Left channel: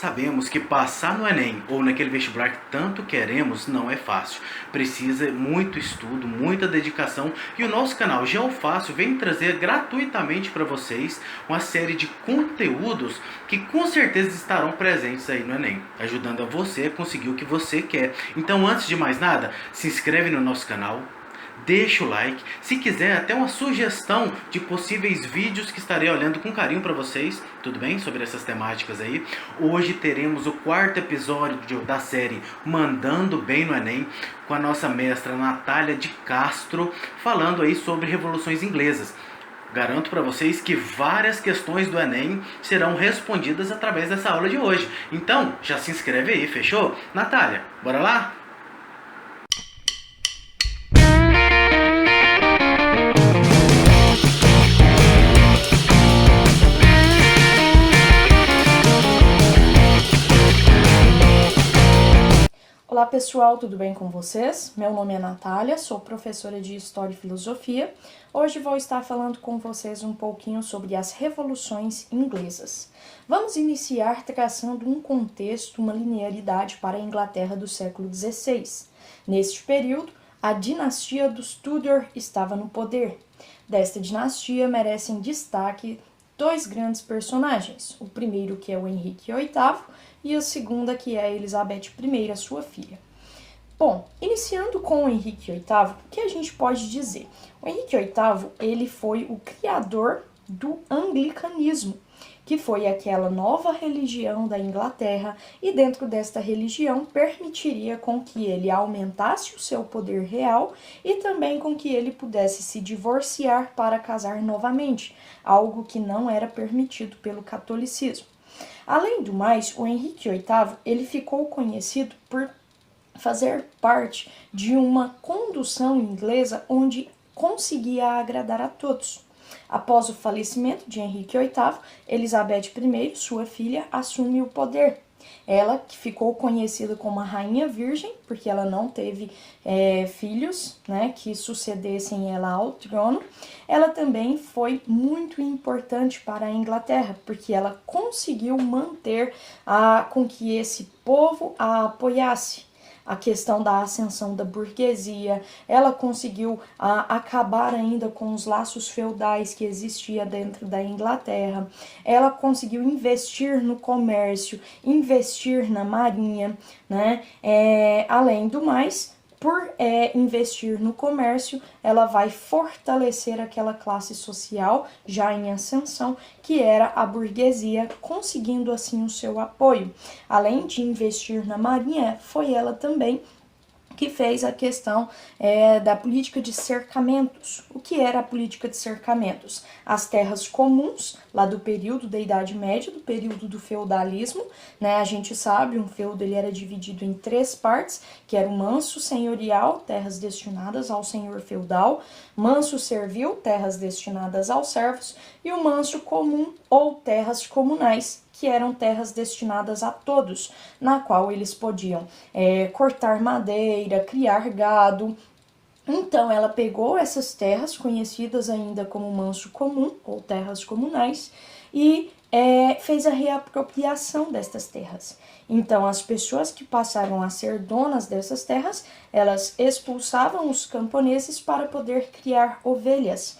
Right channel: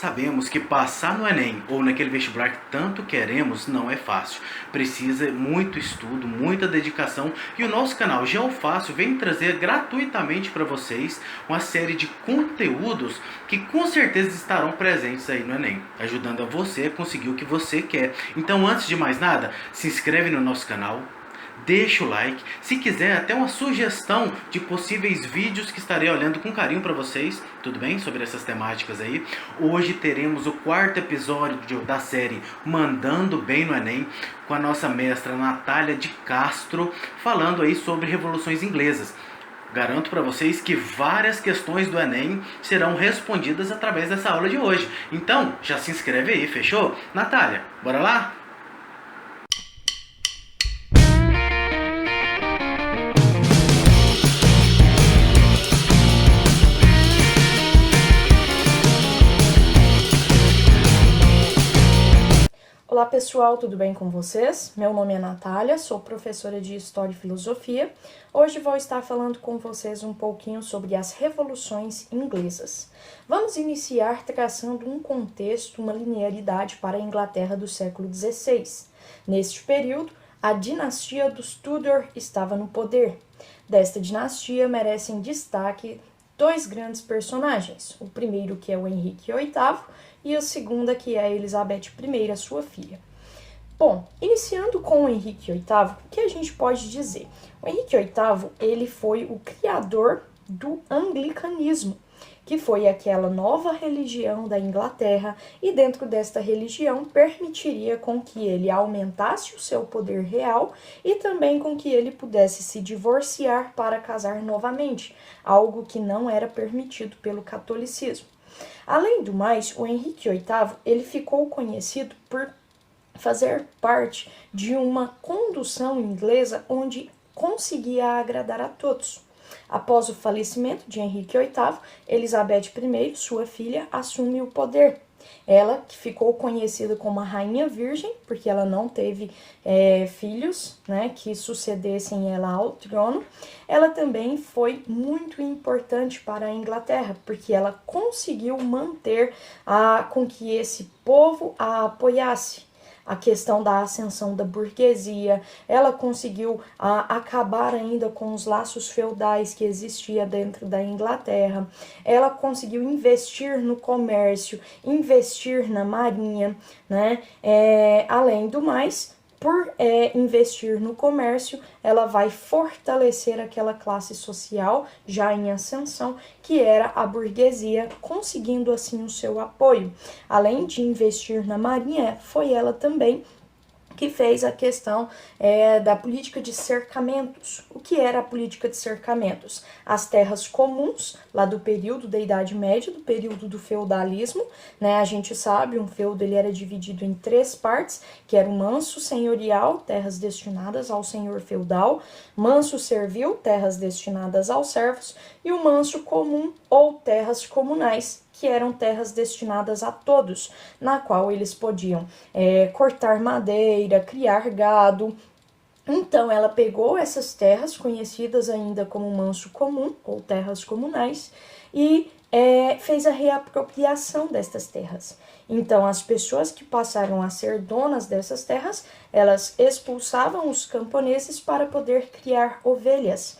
Sabemos que passar no Enem ou naquele vestibular que tanto queremos não é fácil. Precisa muito estudo, muita dedicação e o nosso canal GeoFácil vem trazer gratuitamente para vocês uma série de conteúdos que com certeza estarão presentes aí no Enem, ajudando a você a conseguir o que você quer. Então, antes de mais nada, se inscreve no nosso canal. Deixa o like, se quiser até uma sugestão de possíveis vídeos que estarei olhando com carinho para vocês, tudo bem? Sobre essas temáticas aí. Hoje teremos o 4º episódio da série Mandando Bem no Enem, com a nossa mestra Natália de Castro, falando aí sobre revoluções inglesas. Garanto para vocês que várias questões do Enem serão respondidas através dessa aula de hoje. Então, já se inscreve aí, fechou? Natália, bora lá? Olá pessoal, tudo bem com vocês? Meu nome é Natália, sou professora de História e Filosofia. Hoje vou estar falando com vocês um pouquinho sobre as revoluções inglesas. Vamos iniciar traçando um contexto, uma linearidade para a Inglaterra do século XVI. Neste período, a dinastia dos Tudor estava no poder. Desta dinastia merecem destaque dois grandes personagens. O primeiro, que é o Henrique VIII, e a segunda, que é a Elizabeth I, sua filha. Bom, iniciando com o Henrique VIII, o que a gente pode dizer? O Henrique VIII, ele foi o criador do anglicanismo, que foi aquela nova religião da Inglaterra, e dentro desta religião permitiria com que ele aumentasse o seu poder real e também com que ele pudesse se divorciar para casar novamente, algo que não era permitido pelo catolicismo. Além do mais, o Henrique VIII ele ficou conhecido por fazer parte de uma condução inglesa onde conseguia agradar a todos. Após o falecimento de Henrique VIII, Elizabeth I, sua filha, assume o poder. Ela, que ficou conhecida como a Rainha Virgem, porque ela não teve filhos, né, que sucedessem ela ao trono, ela também foi muito importante para a Inglaterra, porque ela conseguiu manter com que esse povo a apoiasse. A questão da ascensão da burguesia, ela conseguiu acabar ainda com os laços feudais que existia dentro da Inglaterra, ela conseguiu investir no comércio, investir na marinha, né? Além do mais, por investir no comércio, ela vai fortalecer aquela classe social já em ascensão, que era a burguesia, conseguindo assim o seu apoio. Além de investir na marinha, foi ela também que fez a questão da política de cercamentos. O que era a política de cercamentos? As terras comuns, lá do período da Idade Média, do período do feudalismo, né? A gente sabe, um feudo ele era dividido em 3 partes, que era o manso senhorial, terras destinadas ao senhor feudal, manso servil, terras destinadas aos servos, e o manso comum, ou terras comunais, que eram terras destinadas a todos, na qual eles podiam cortar madeira, criar gado. Então, ela pegou essas terras, conhecidas ainda como manso comum, ou terras comunais, e fez a reapropriação destas terras. Então, as pessoas que passaram a ser donas dessas terras, elas expulsavam os camponeses para poder criar ovelhas.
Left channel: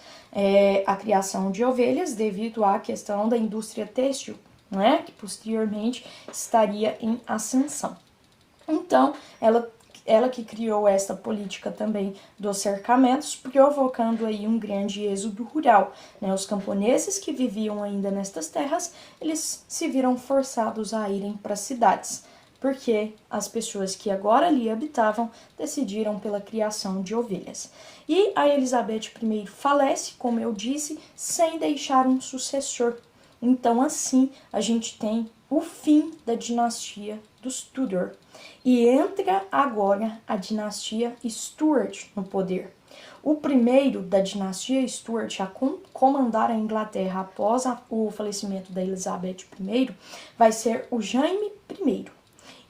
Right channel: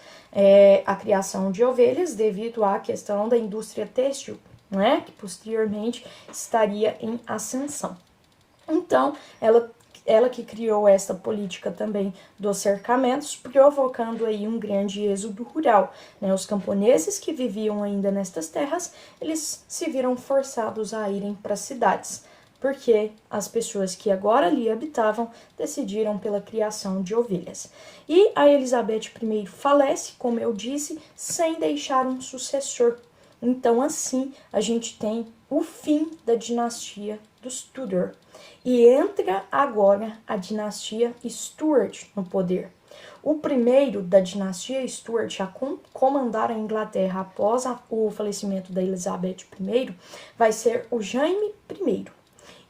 A criação de ovelhas devido à questão da indústria têxtil, né, que posteriormente estaria em ascensão. Então, ela que criou esta política também dos cercamentos, provocando aí um grande êxodo rural, né? Os camponeses que viviam ainda nestas terras, eles se viram forçados a irem para as cidades, porque as pessoas que agora ali habitavam decidiram pela criação de ovelhas. E a Elizabeth I falece, como eu disse, sem deixar um sucessor. Então, assim, a gente tem o fim da dinastia dos Tudor. E entra agora a dinastia Stuart no poder. O primeiro da dinastia Stuart a comandar a Inglaterra após o falecimento da Elizabeth I vai ser o Jaime I.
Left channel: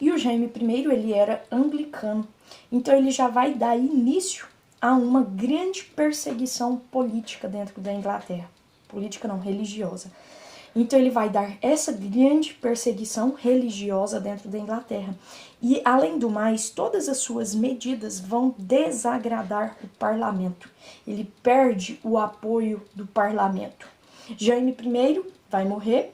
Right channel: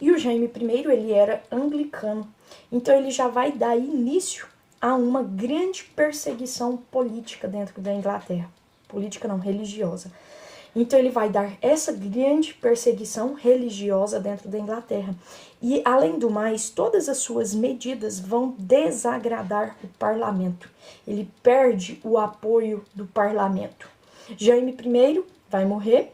E o Jaime I, ele era anglicano. Então, ele já vai dar início a uma grande perseguição política dentro da Inglaterra. Política não, religiosa. Então ele vai dar essa grande perseguição religiosa dentro da Inglaterra. E, além do mais, todas as suas medidas vão desagradar o parlamento. Ele perde o apoio do parlamento. Jaime I vai morrer,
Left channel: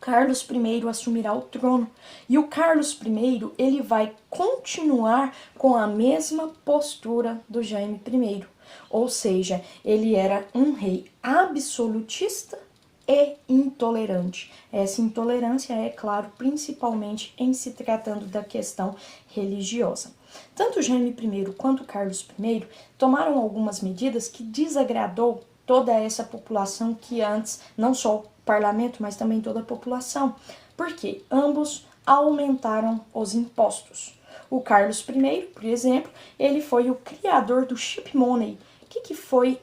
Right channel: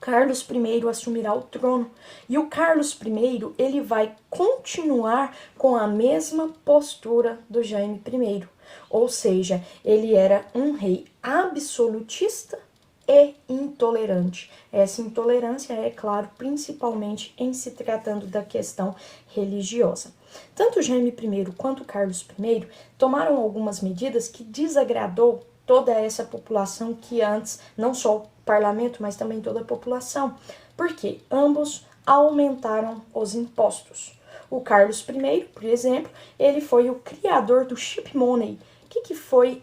Carlos I assumirá o trono. E o Carlos I, ele vai continuar com a mesma postura do Jaime I. Ou seja, ele era um rei absolutista e intolerante. Essa intolerância é, claro, principalmente em se tratando da questão religiosa. Tanto Jaime I quanto Carlos I tomaram algumas medidas que desagradou toda essa população que antes, não só o parlamento, mas também toda a população. Porque ambos aumentaram os impostos. O Carlos I, por exemplo, ele foi o criador do ship money. O que foi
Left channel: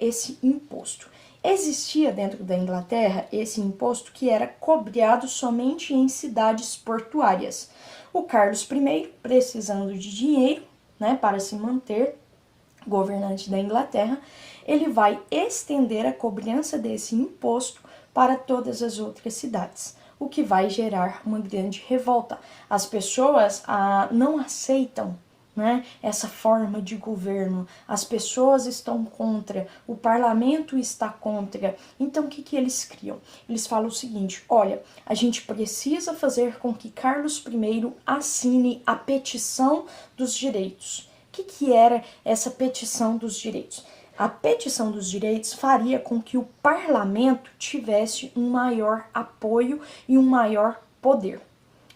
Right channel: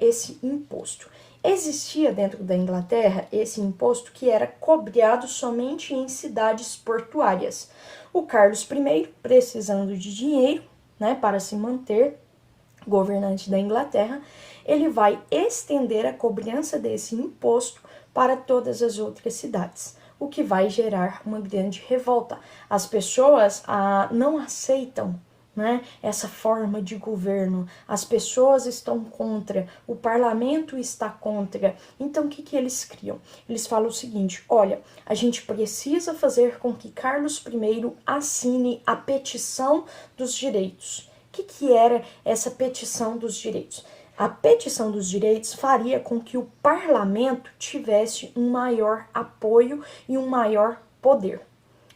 esse imposto? Existia dentro da Inglaterra esse imposto que era cobrado somente em cidades portuárias. O Carlos I, precisando de dinheiro, né, para se manter governante da Inglaterra, ele vai estender a cobrança desse imposto para todas as outras cidades, o que vai gerar uma grande revolta. As pessoas não aceitam, né, essa forma de governo, as pessoas estão contra, o parlamento está contra. Então o que eles criam? Eles falam o seguinte: olha, a gente precisa fazer com que Carlos I assine a petição dos direitos. O que era essa petição dos direitos? A petição dos direitos faria com que o parlamento tivesse um maior apoio e um maior poder,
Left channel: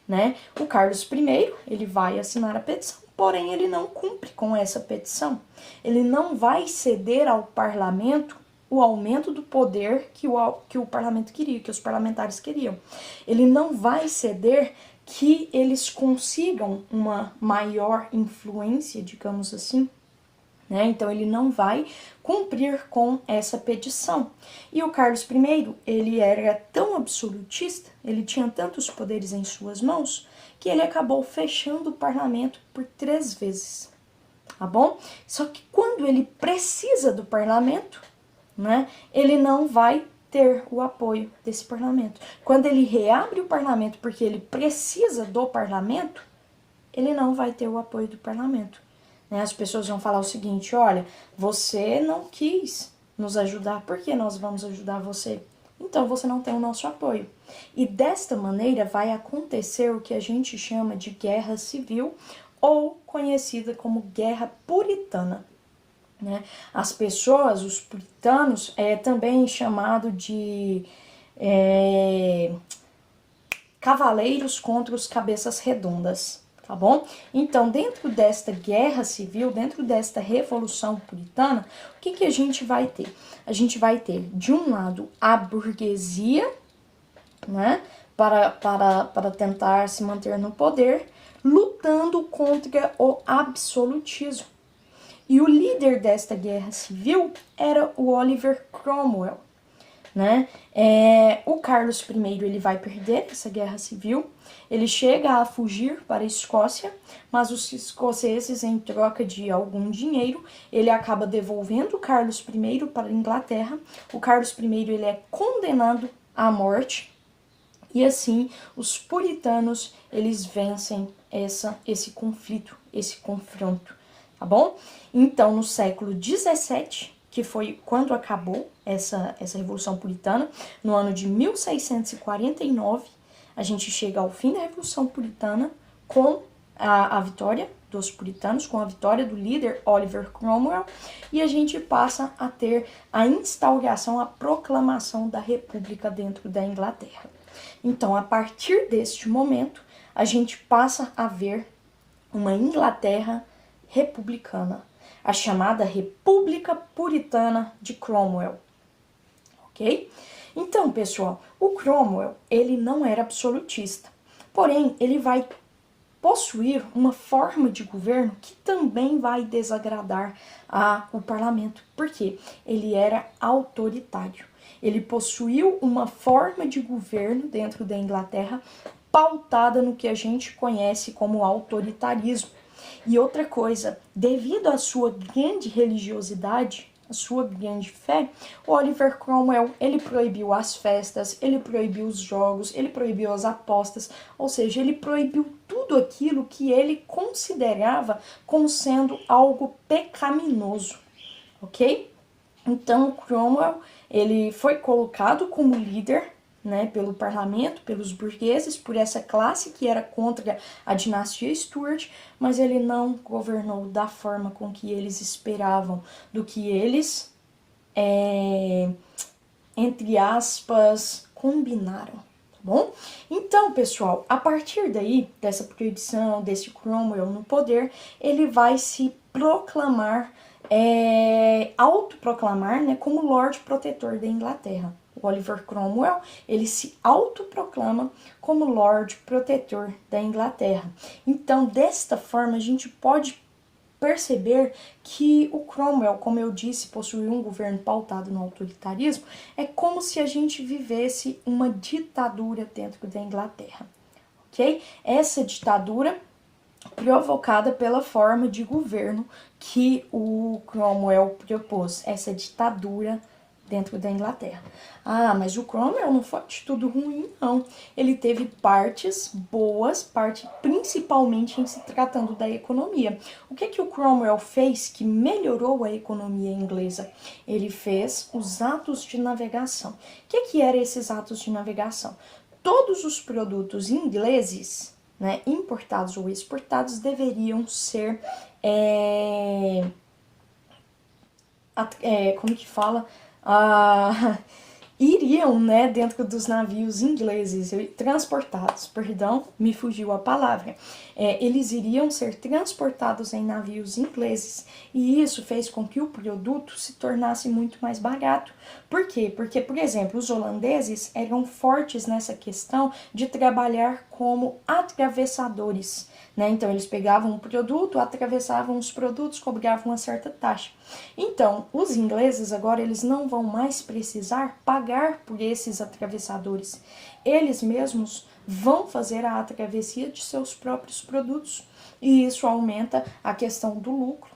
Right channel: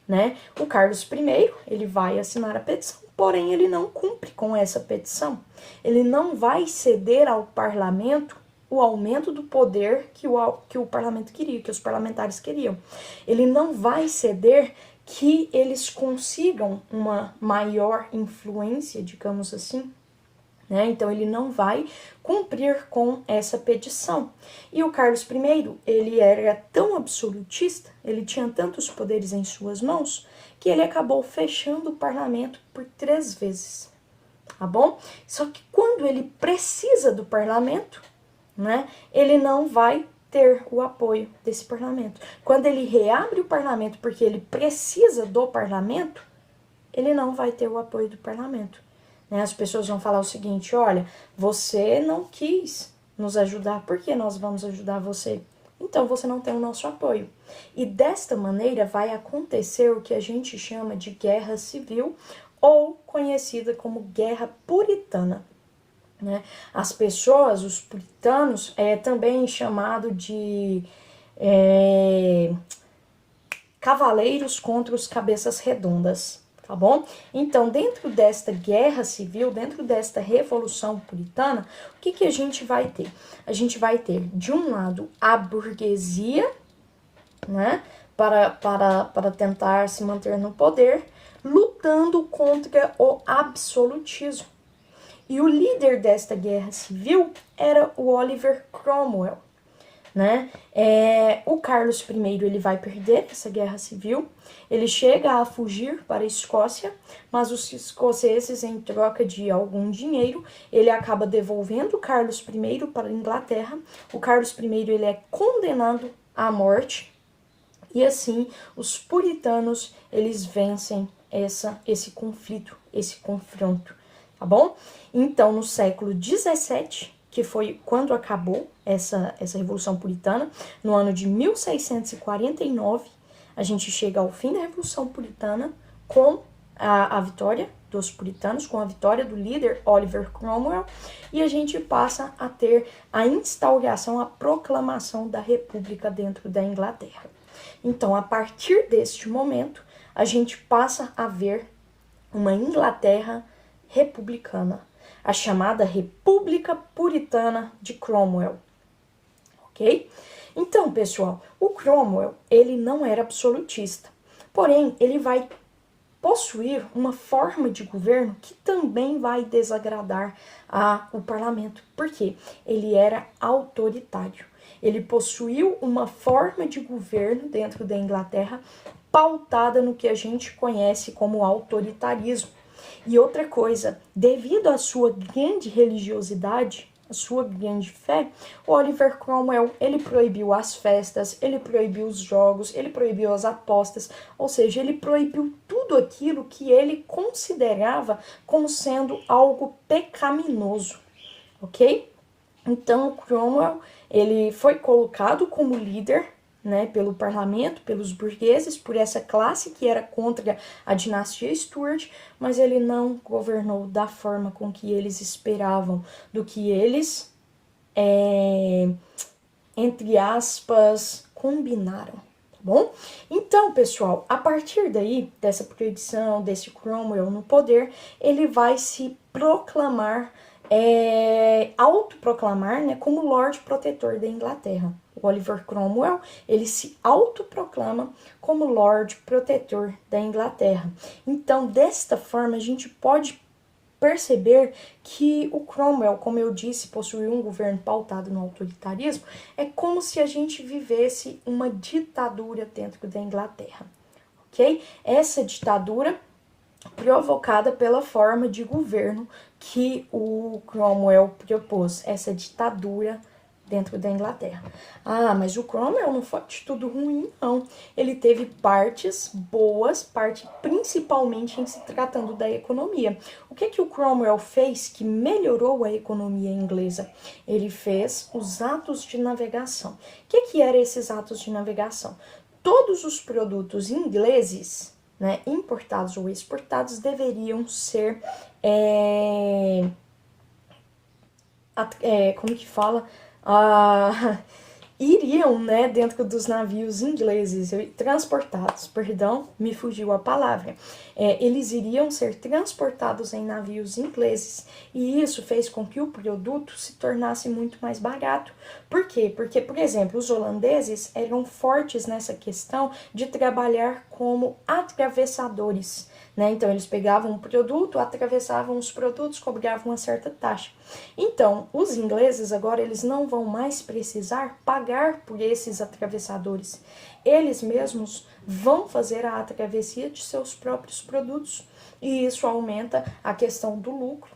né? O Carlos I, ele vai assinar a petição, porém ele não cumpre com essa petição. Ele não vai ceder ao parlamento o aumento do poder que o parlamento queria, que os parlamentares queriam. Ele não vai ceder que eles consigam uma maior influência, digamos assim, né? Então ele não vai cumprir com essa petição. E o Carlos I, ele era tão absolutista, ele tinha tantos poderes em suas mãos, que ele acabou fechando o parlamento por 3 vezes, tá bom? Só que quando ele precisa do parlamento, né, ele não vai ter o apoio desse parlamento. Quando ele reabre o parlamento porque ele precisa do parlamento, ele não vai ter o apoio do parlamento. Né? As pessoas vão falar o seguinte: olha, você não quis nos ajudar, por que nós vamos ajudar você? Então você não tem o nosso apoio. E desta maneira vai acontecer o que a gente chama de guerra civil, ou conhecida como guerra puritana. Né? As pessoas, os puritanos, também chamado de cavaleiros contra os cabeças redondas, tá bom? Então, dentro desta guerra civil, dentro desta revolução puritana, o que a gente vai ter? A gente vai ter, de um lado, a burguesia, né, para tentar se manter no poder, lutando contra o absolutismo. E o líder desta guerra civil era o Oliver Cromwell, né? O Carlos I, ele vai perder essa guerra civil, ele chega a fugir para a Escócia, mas os escoceses, em troca de algum dinheiro, ele acaba devolvendo o Carlos I para a Inglaterra. O Carlos I, ele é condenado à morte, e assim os puritanos, eles vencem esse conflito, esse confronto, tá bom? Então, no século XVII, que foi quando acabou essa Revolução Puritana, no ano de 1649, a gente chega ao fim da Revolução Puritana com a vitória dos puritanos, com a vitória do líder Oliver Cromwell, e a gente passa a ter a instauração, a proclamação da República dentro da Inglaterra. Então, a partir deste momento, a gente passa a ver uma Inglaterra republicana, a chamada República Puritana de Cromwell, ok? Então, pessoal, o Cromwell, ele não era absolutista, porém, ele vai possuir uma forma de governo que também vai desagradar o parlamento, porque ele era autoritário. Ele possuiu uma forma de governo dentro da Inglaterra pautada no que a gente conhece como autoritarismo. E outra coisa, devido à sua grande religiosidade, a sua grande fé, o Oliver Cromwell, ele proibiu as festas, ele proibiu os jogos, ele proibiu as apostas, ou seja, ele proibiu tudo aquilo que ele considerava como sendo algo pecaminoso, ok? Então, o Cromwell, ele foi colocado como líder, né, pelo parlamento, pelos burgueses, por essa classe que era contra a dinastia Stuart, mas ele não governou da forma com que eles esperavam, do que eles, entre aspas, combinaram, tá bom? Então, pessoal, a partir daí, dessa proibição, desse Cromwell no poder, ele vai se proclamar, autoproclamar, né, como Lord Protetor da Inglaterra. O Oliver Cromwell, ele se autoproclama como Lord Protetor da Inglaterra. Então, desta forma, a gente pode perceber que o Cromwell, como eu disse, possuiu um governo pautado no autoritarismo. É como se a gente vivesse uma ditadura dentro da Inglaterra, ok? Essa ditadura provocada pela forma de governo que o Cromwell propôs, essa ditadura dentro da Inglaterra. Ah, mas o Cromwell não foi de tudo ruim, não. Ele teve partes boas, principalmente em se tratando da economia. O que o Cromwell fez que melhorou a economia inglesa? Ele fez os atos de navegação. O que eram esses atos de navegação? Todos os produtos ingleses, né, importados ou exportados, deveriam ser, como que fala? Iriam, né, dentro dos navios ingleses, transportados, perdão, me fugiu a palavra. Eles iriam ser transportados em navios ingleses, e isso fez com que o produto se tornasse muito mais barato. Por quê? Porque, por exemplo, os holandeses eram fortes nessa questão de trabalhar como atravessadores, né? Então, eles pegavam um produto, atravessavam os produtos, cobravam uma certa taxa. Então, os ingleses agora, eles não vão mais precisar pagar por esses atravessadores. Eles mesmos vão fazer a travessia de seus próprios produtos. E isso aumenta a questão do lucro,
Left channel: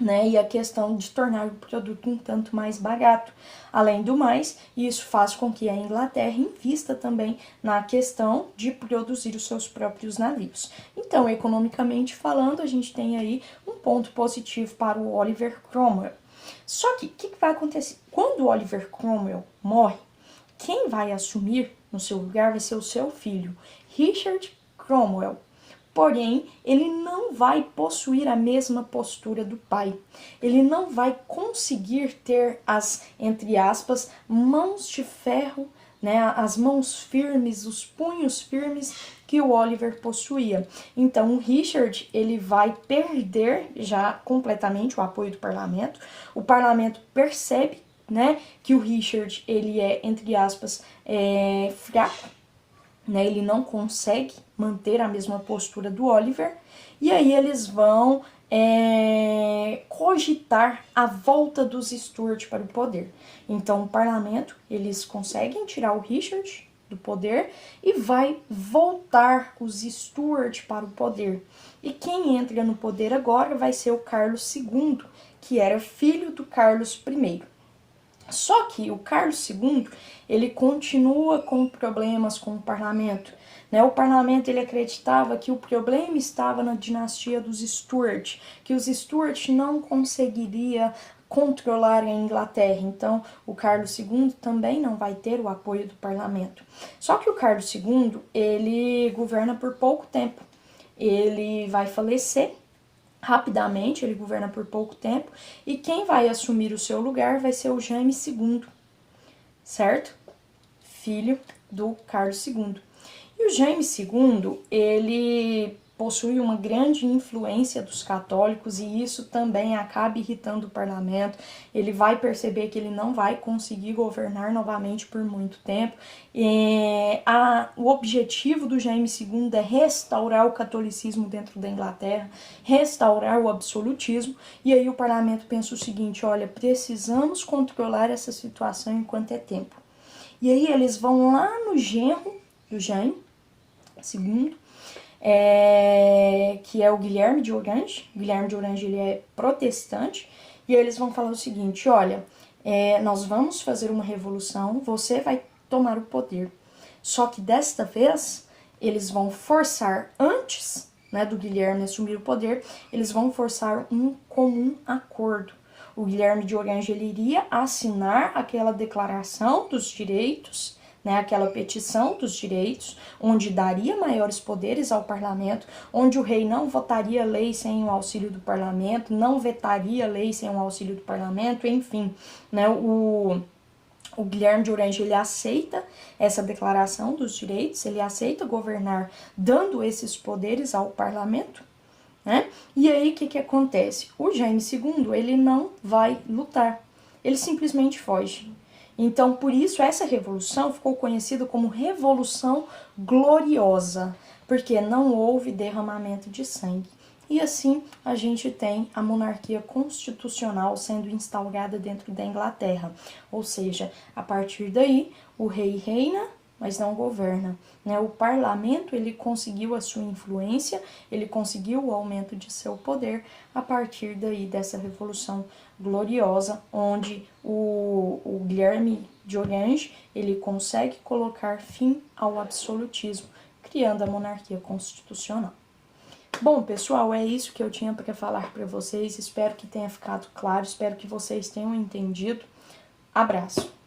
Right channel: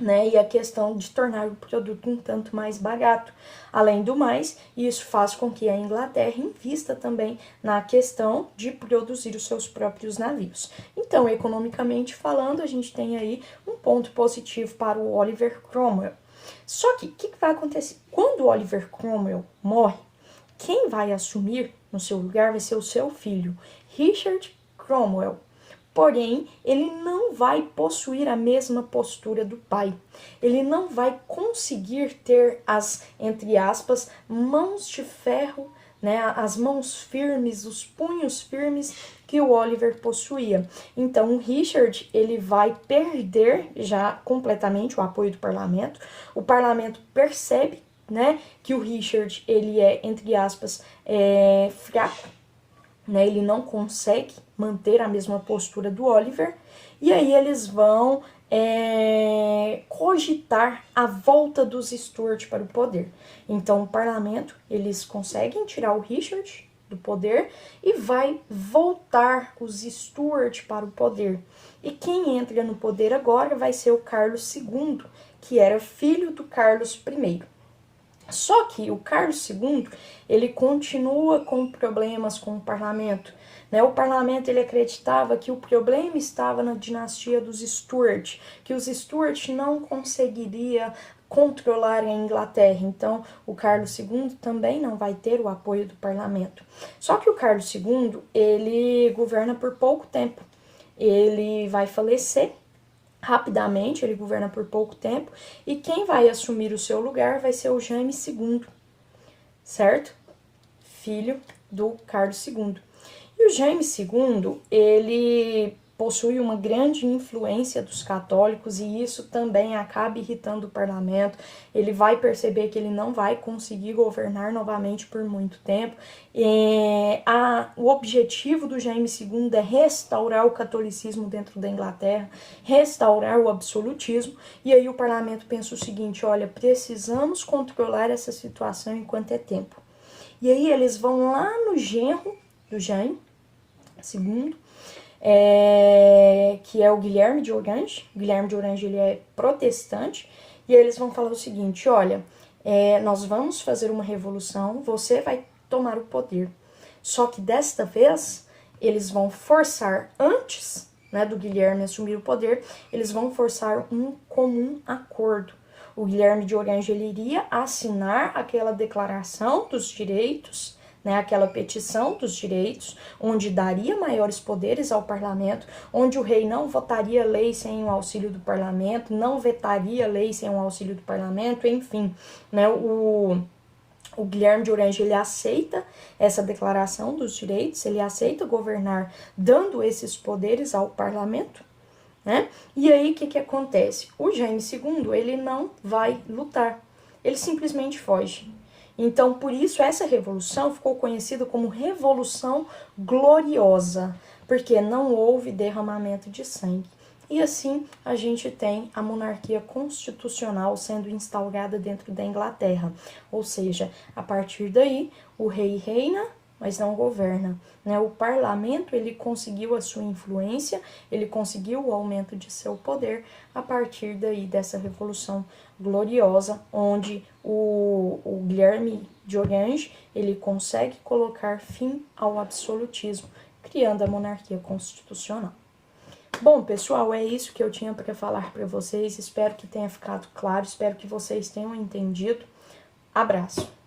né, e a questão de tornar o produto um tanto mais barato. Além do mais, isso faz com que a Inglaterra invista também na questão de produzir os seus próprios navios. Então, economicamente falando, a gente tem aí um ponto positivo para o Oliver Cromwell. Só que, o que vai acontecer? Quando o Oliver Cromwell morre, quem vai assumir no seu lugar vai ser o seu filho, Richard Cromwell. Porém, ele não vai possuir a mesma postura do pai. Ele não vai conseguir ter as, entre aspas, mãos de ferro, né, as mãos firmes, os punhos firmes que o Oliver possuía. Então, o Richard, ele vai perder já completamente o apoio do parlamento. O parlamento percebe, né, que o Richard, ele é, entre aspas, fraco, né, ele não consegue manter a mesma postura do Oliver, e aí eles vão cogitar a volta dos Stuart para o poder. Então, o parlamento, eles conseguem tirar o Richard do poder e vai voltar os Stuart para o poder. E quem entra no poder agora vai ser o Carlos II, que era filho do Carlos I. Só que o Carlos II, ele continua com problemas com o parlamento, né? O parlamento, ele acreditava que o problema estava na dinastia dos Stuart, que os Stuart não conseguiria controlar a Inglaterra. Então, o Carlos II também não vai ter o apoio do parlamento. Só que o Carlos II, ele governa por pouco tempo. Ele vai falecer rapidamente, ele governa por pouco tempo, e quem vai assumir o seu lugar vai ser o Jaime II, certo? Filho do Carlos II. E o Jaime II, ele possui uma grande influência dos católicos, e isso também acaba irritando o parlamento. Ele vai perceber que ele não vai conseguir governar novamente por muito tempo. O objetivo do Jaime II é restaurar o catolicismo dentro da Inglaterra, restaurar o absolutismo, e aí o parlamento pensa o seguinte: olha, precisamos controlar essa situação enquanto é tempo. E aí eles vão lá no genro do Jaime II, que é o Guilherme de Orange. O Guilherme de Orange, ele é protestante, E aí eles vão falar o seguinte, olha, nós vamos fazer uma revolução, você vai tomar o poder. Só que desta vez, eles vão forçar, antes, né, do Guilherme assumir o poder, eles vão forçar um comum acordo. O Guilherme de Orange ele iria assinar aquela declaração dos direitos, né, aquela petição dos direitos, onde daria maiores poderes ao parlamento, onde o rei não votaria lei sem o auxílio do parlamento, não vetaria lei sem o auxílio do parlamento, enfim, né, o Guilherme de Orange ele aceita essa declaração dos direitos, ele aceita governar dando esses poderes ao parlamento, né? E aí o que acontece? O Jaime II ele não vai lutar, ele simplesmente foge. Então, por isso, essa revolução ficou conhecida como Revolução Gloriosa, porque não houve derramamento de sangue. E assim, a gente tem a monarquia constitucional sendo instaurada dentro da Inglaterra. Ou seja, a partir daí, o rei reina, mas não governa, né? O parlamento, ele conseguiu a sua influência, ele conseguiu o aumento de seu poder a partir daí dessa Revolução Gloriosa, onde o Guilherme de Orange, ele consegue colocar fim ao absolutismo, criando a monarquia constitucional. Bom, pessoal, é isso que eu tinha para falar para vocês. Espero que tenha ficado claro, espero que vocês tenham entendido. Abraço!